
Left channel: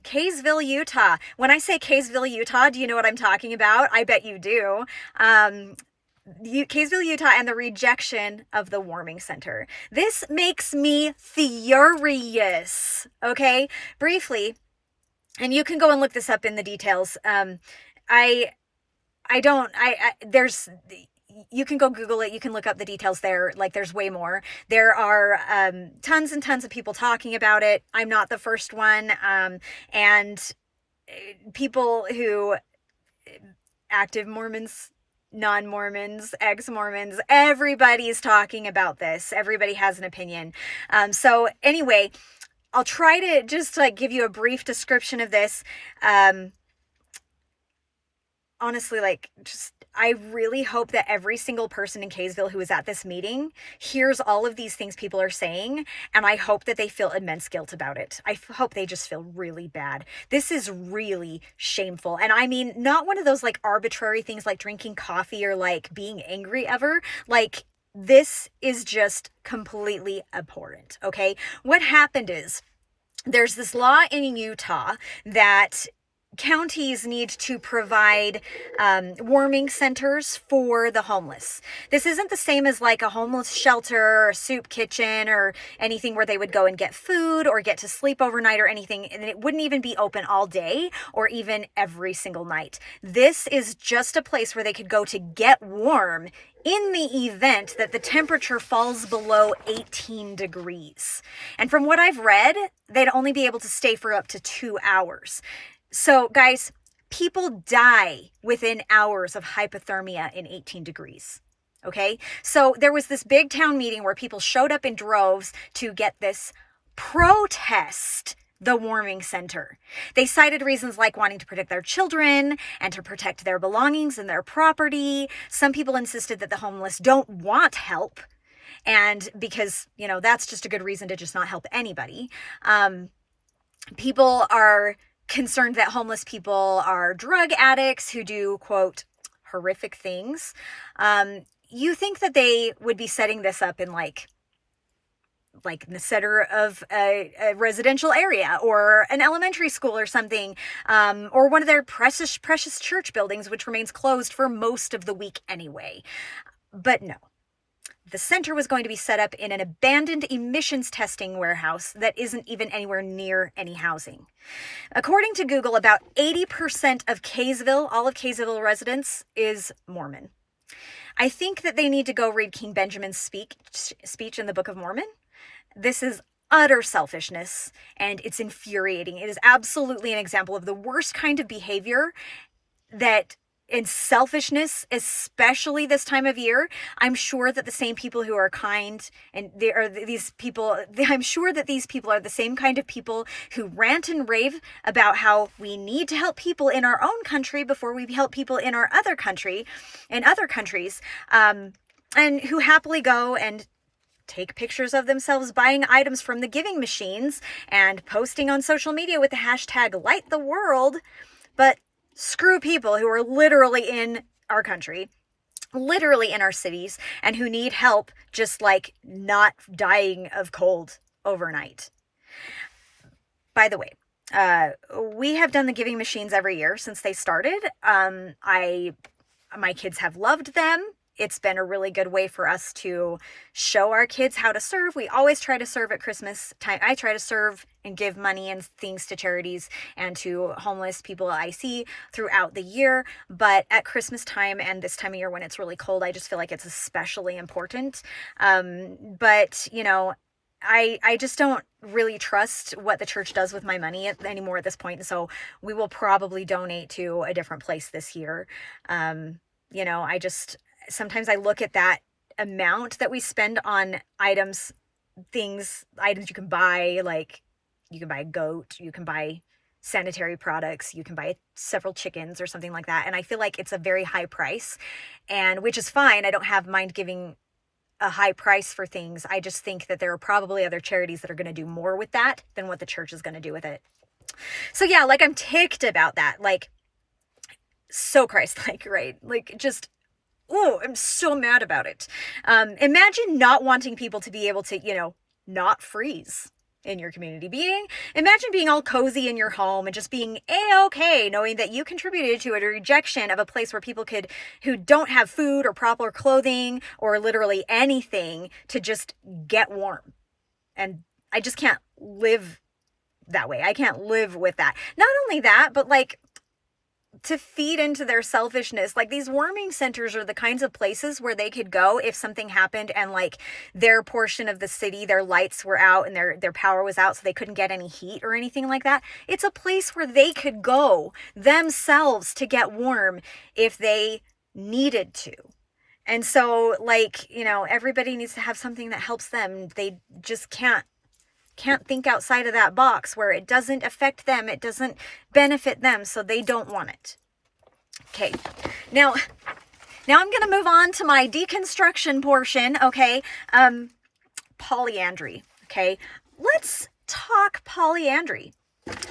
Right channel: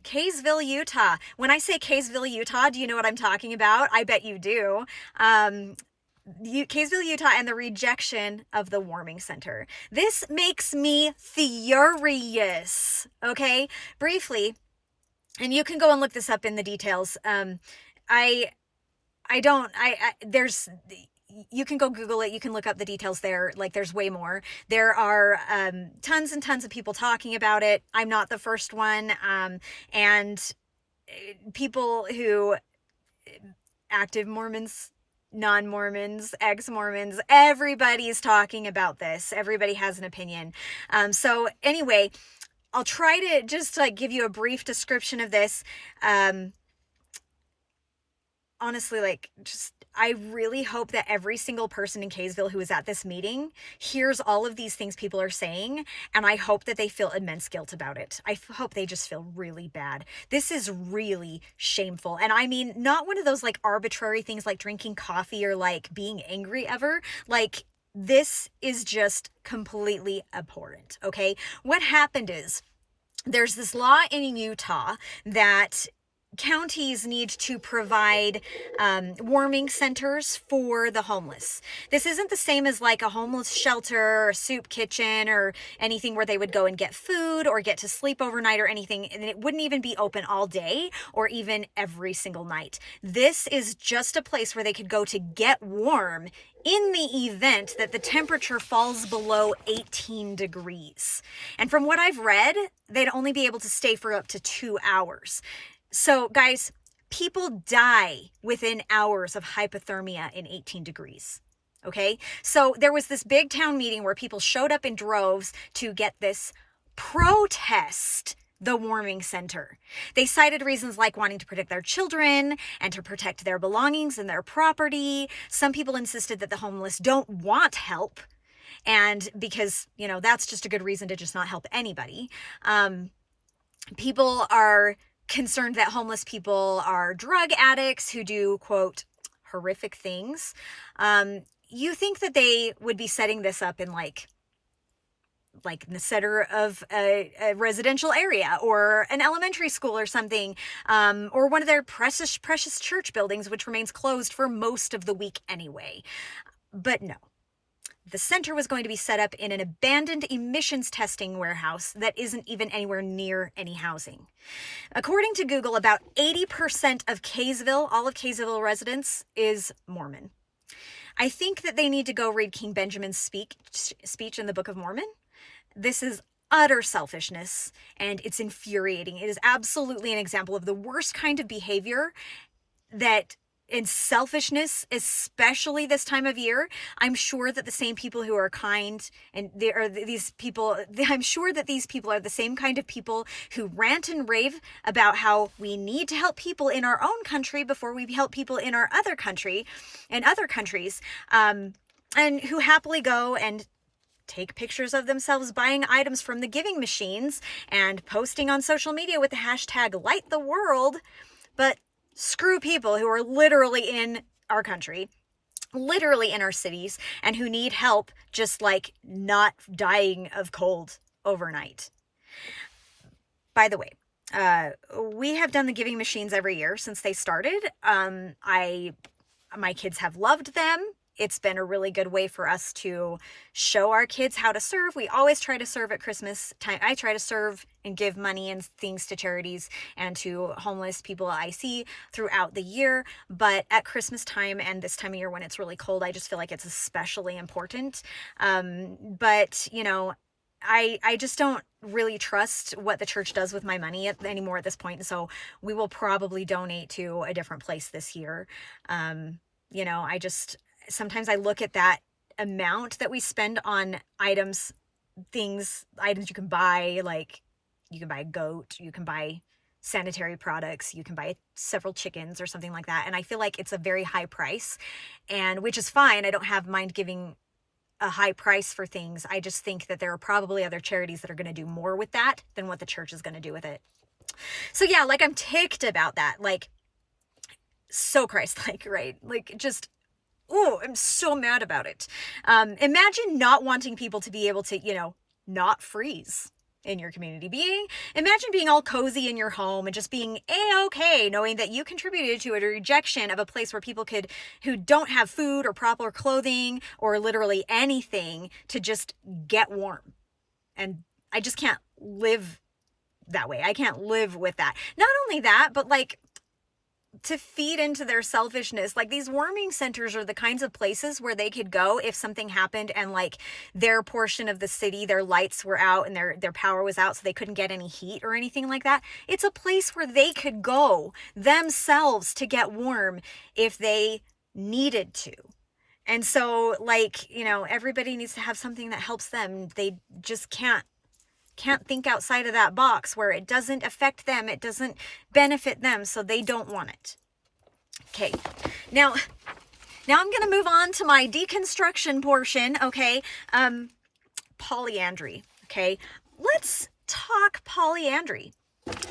Kaysville, Utah. When I say Kaysville, Utah, do you know what I'm talking about? I bet you do. Kaysville, Utah, and the rejection of the warming center. This makes me furious. Okay? Briefly, and you can go and look this up in the details. You can go Google it. You can look up the details there. Like, there's way more. There are tons and tons of people talking about it. I'm not the first one. And people who, active Mormons, non-Mormons, ex-Mormons, everybody's talking about this. Everybody has an opinion. So anyway, I'll try to just like give you a brief description of this. On honestly, like, just, I really hope that every single person in Kaysville who is at this meeting hears all of these things people are saying, and I hope that they feel immense guilt about it. I hope they just feel really bad. This is really shameful. And I mean, not one of those like arbitrary things like drinking coffee or like being angry ever. Like, this is just completely abhorrent, okay? What happened is, there's this law in Utah that counties need to provide warming centers for the homeless. This isn't the same as like a homeless shelter or a soup kitchen or anything where they would go and get food or get to sleep overnight or anything. And it wouldn't even be open all day or even every single night. This is just a place where they could go to get warm in the event that the temperature falls below 18 degrees. And from what I've read, they'd only be able to stay for up to 2 hours. So guys, people die within hours of hypothermia in 18 degrees. Okay. So there was this big town meeting where people showed up in droves to get this protest the warming center. They cited reasons like wanting to protect their children and to protect their belongings and their property. Some people insisted that the homeless don't want help. And because, you know, that's just a good reason to just not help anybody. People are concerned that homeless people are drug addicts who do, quote, horrific things. You think that they would be setting this up in like in the center of a residential area or an elementary school or something, or one of their precious church buildings, which remains closed for most of the week anyway. But no. The center was going to be set up in an abandoned emissions testing warehouse that isn't even anywhere near any housing. According to Google, about 80% of Kaysville, all of Kaysville residents, is Mormon. I think that they need to go read King Benjamin's speech in the Book of Mormon. This is utter selfishness, and it's infuriating. It is absolutely an example of the worst kind of behavior and selfishness, especially this time of year. I'm sure that the same people who are kind, and I'm sure that these people are the same kind of people who rant and rave about how we need to help people in our own country before we help people in our other countries, and who happily go and take pictures of themselves buying items from the giving machines and posting on social media with the hashtag light the world. But screw people who are literally in our country, literally in our cities, and who need help just like not dying of cold overnight. By the way, we have done the giving machines every year since they started. My kids have loved them. It's been a really good way for us to show our kids how to serve. We always try to serve at Christmas time. I try to serve and give money and things to charities and to homeless people I see throughout the year. But at Christmas time and this time of year when it's really cold, I just feel like it's especially important. But, you know, I just don't really trust what the church does with my money anymore at this point. So we will probably donate to a different place this year. Sometimes I look at that amount that we spend on items you can buy, like you can buy a goat, you can buy sanitary products, you can buy several chickens or something like that. And I feel like it's a very high price, and which is fine. I don't have mind giving a high price for things. I just think that there are probably other charities that are going to do more with that than what the church is going to do with it. So yeah, like I'm ticked about that. Like, so Christ-like, right? Like, just, oh, I'm so mad about it. Imagine not wanting people to be able to, not freeze in your community. Imagine being all cozy in your home and just being A-okay, knowing that you contributed to a rejection of a place where people who don't have food or proper clothing or literally anything to just get warm. And I just can't live that way. I can't live with that. Not only that, but like, to feed into their selfishness. Like, these warming centers are the kinds of places where they could go if something happened and like their portion of the city, their lights were out and their power was out, so they couldn't get any heat or anything like that. It's a place where they could go themselves to get warm if they needed to. And so, like, everybody needs to have something that helps them. They just can't think outside of that box where it doesn't affect them, it doesn't benefit them, so they don't want it. Okay, now I'm going to move on to my deconstruction portion, okay? Polyandry, okay? Let's talk polyandry.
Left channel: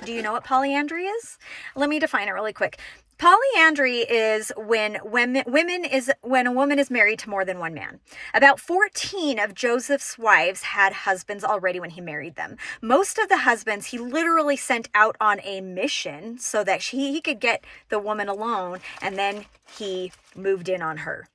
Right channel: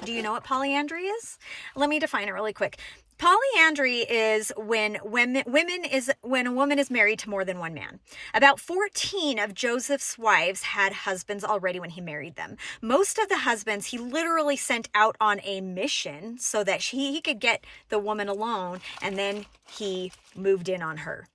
Do you know what polyandry is? Let me define it really quick. Polyandry is when a woman is married to more than one man. About 14 of Joseph's wives had husbands already when he married them. Most of the husbands he literally sent out on a mission so that he could get the woman alone, and then he moved in on her.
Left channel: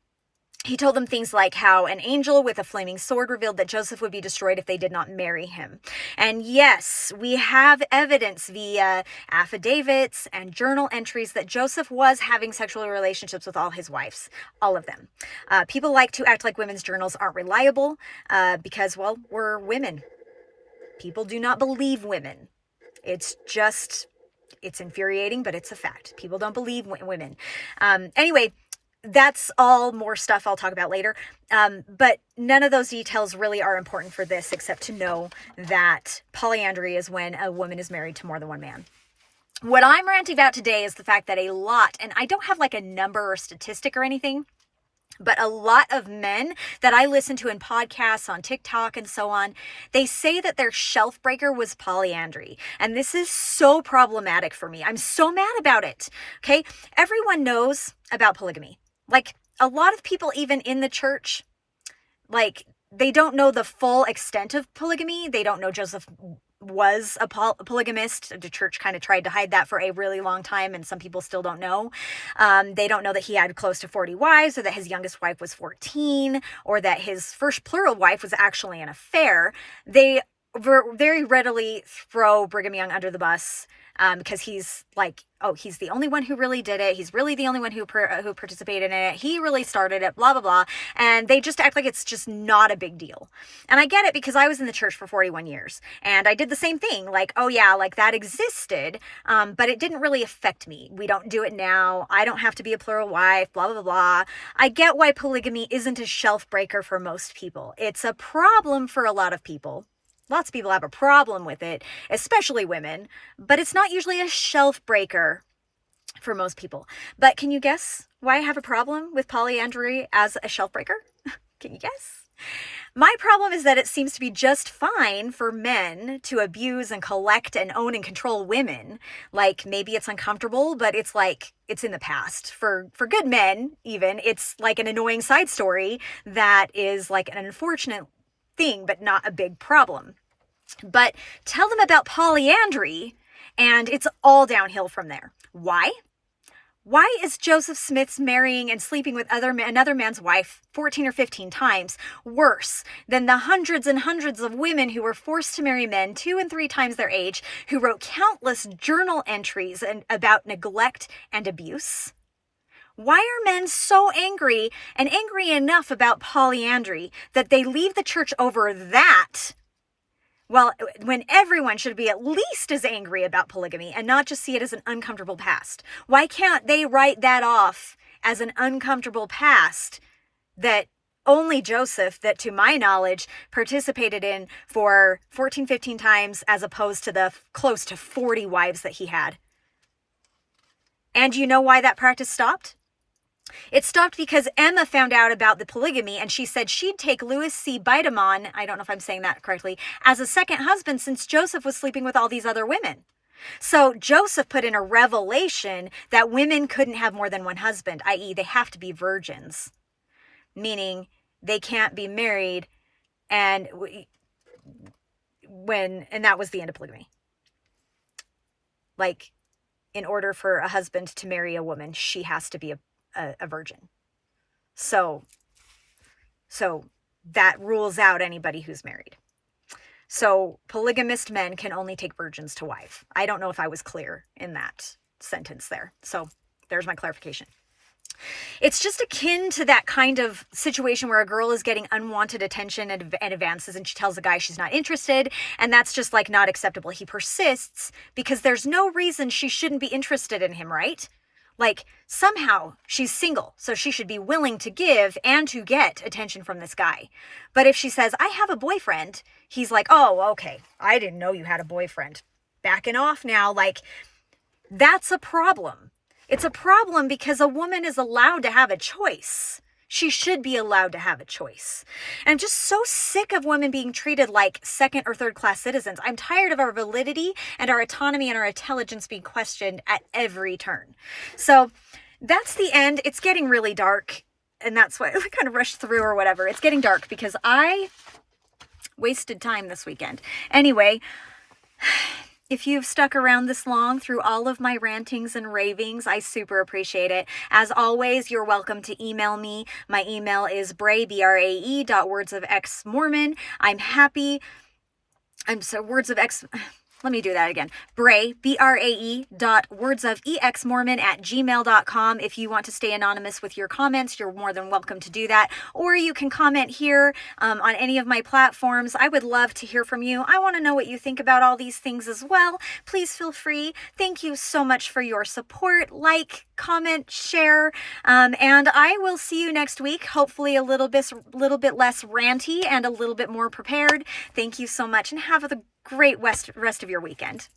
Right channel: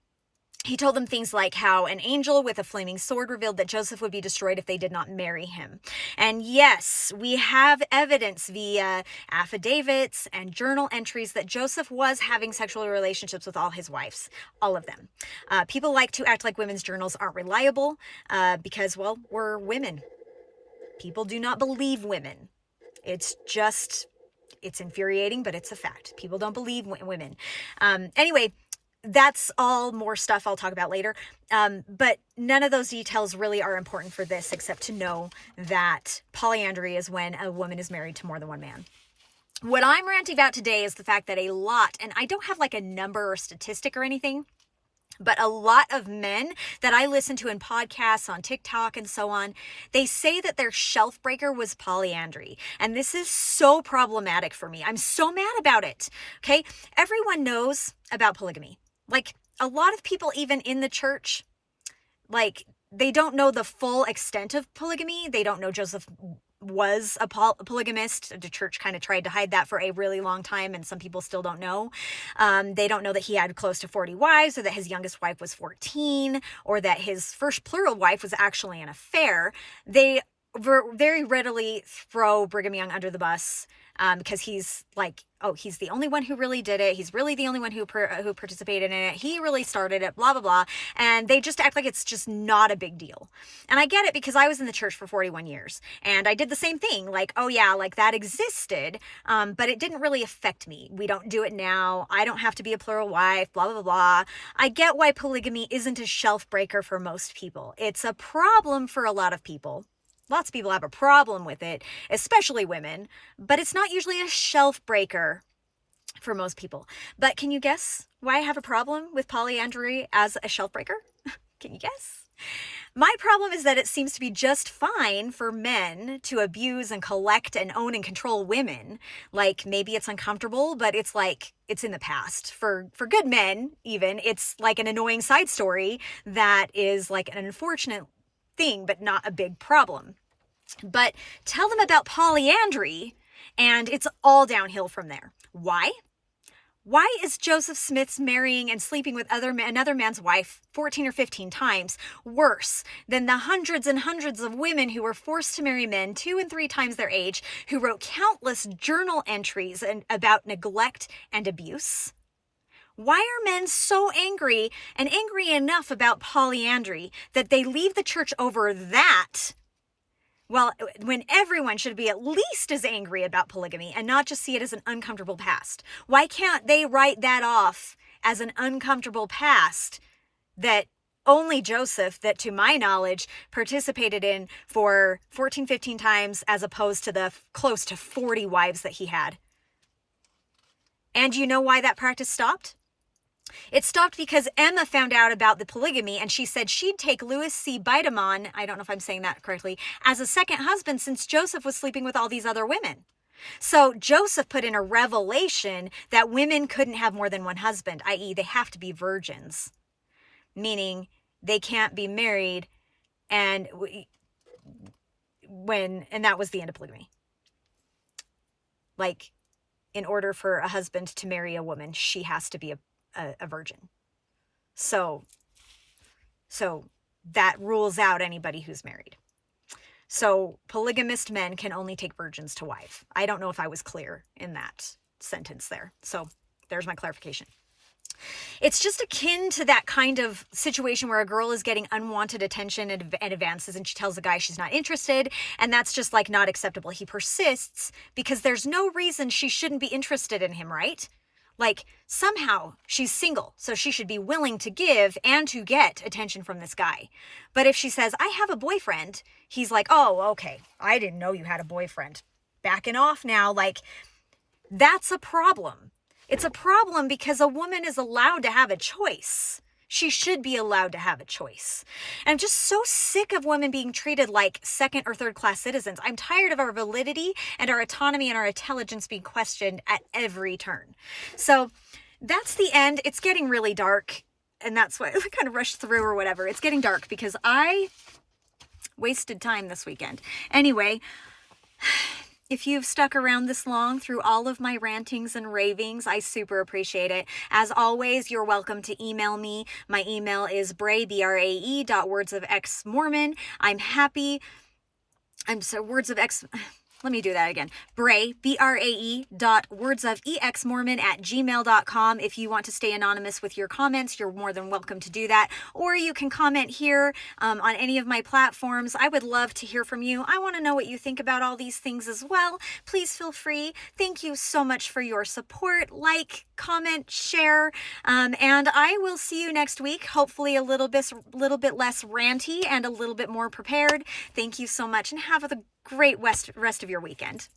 He told them things like how an angel with a flaming sword revealed that Joseph would be destroyed if they did not marry him. And yes, we have evidence via affidavits and journal entries that Joseph was having sexual relationships with all his wives, all of them. People like to act like women's journals aren't reliable because, well, we're women. People do not believe women. It's infuriating, but it's a fact. People don't believe women. Anyway, that's all more stuff I'll talk about later. But none of those details really are important for this, except to know that polyandry is when a woman is married to more than one man. What I'm ranting about today is the fact that a lot, and I don't have like a number or statistic or anything, but a lot of men that I listen to in podcasts, on TikTok and so on, they say that their shelf breaker was polyandry. And this is so problematic for me. I'm so mad about it. Okay. Everyone knows about polygamy. Like, a lot of people, even in the church, like, they don't know the full extent of polygamy. They don't know Joseph was a polygamist. The church kind of tried to hide that for a really long time, and some people still don't know. They don't know that he had close to 40 wives, or that his youngest wife was 14, or that his first plural wife was actually an affair. They very readily throw Brigham Young under the bus because he's like, oh, he's the only one who really did it. He's really the only one who participated in it. He really started it, blah, blah, blah. And they just act like it's just not a big deal. And I get it because I was in the church for 41 years and I did the same thing. Like, oh yeah, like that existed, but it didn't really affect me. We don't do it now. I don't have to be a plural wife, blah, blah, blah. I get why polygamy isn't a shelf breaker for most people. It's a problem for a lot of people. Lots of people have a problem with it, especially women, but it's not usually a shelf breaker for most people. But can you guess why I have a problem with polyandry as a shelf breaker? Can you guess? My problem is that it seems to be just fine for men to abuse and collect and own and control women. Like, maybe it's uncomfortable, but it's like, it's in the past. For good men, even, it's like an annoying side story that is like an unfortunate thing, but not a big problem. But tell them about polyandry, and it's all downhill from there. Why? Why is Joseph Smith's marrying and sleeping with another man's wife 14 or 15 times worse than the hundreds and hundreds of women who were forced to marry men 2 and 3 times their age, who wrote countless journal entries about neglect and abuse? Why are men so angry and angry enough about polyandry that they leave the church over that? Well, when everyone should be at least as angry about polygamy and not just see it as an uncomfortable past. Why can't they write that off as an uncomfortable past that only Joseph, that to my knowledge, participated in for 14, 15 times as opposed to the close to 40 wives that he had? And you know why that practice stopped? It stopped because Emma found out about the polygamy, and she said she'd take Louis C. Biedemon, I don't know if I'm saying that correctly, as a second husband since Joseph was sleeping with all these other women. So Joseph put in a revelation that women couldn't have more than one husband, i.e. they have to be virgins, meaning they can't be married, and that was the end of polygamy. Like, in order for a husband to marry a woman, she has to be a virgin. So that rules out anybody who's married. So polygamist men can only take virgins to wife. I don't know if I was clear in that sentence there. So there's my clarification. It's just akin to that kind of situation where a girl is getting unwanted attention and advances, and she tells the guy she's not interested, and that's just like not acceptable. He persists because there's no reason she shouldn't be interested in him, right? Like, somehow she's single, so she should be willing to give and to get attention from this guy. But if she says, I have a boyfriend, he's like, oh, okay, I didn't know you had a boyfriend. Backing off now, like, that's a problem. It's a problem because a woman is allowed to have a choice. She should be allowed to have a choice. And I'm just so sick of women being treated like second or third class citizens. I'm tired of our validity and our autonomy and our intelligence being questioned at every turn. So that's the end. It's getting really dark, and that's why I kind of rushed through or whatever. It's getting dark because I wasted time this weekend. Anyway, if you've stuck around this long through all of my rantings and ravings, I super appreciate it. As always, you're welcome to email me. My email is brae@wordsofxmormon. Let me do that again. Brae, BRAE.wordsofexmormon@gmail.com. If you want to stay anonymous with your comments, you're more than welcome to do that. Or you can comment here on any of my platforms. I would love to hear from you. I want to know what you think about all these things as well. Please feel free. Thank you so much for your support. Like, comment, share, and I will see you next week. Hopefully a little bit less ranty and a little bit more prepared. Thank you so much, and have a great rest of your weekend.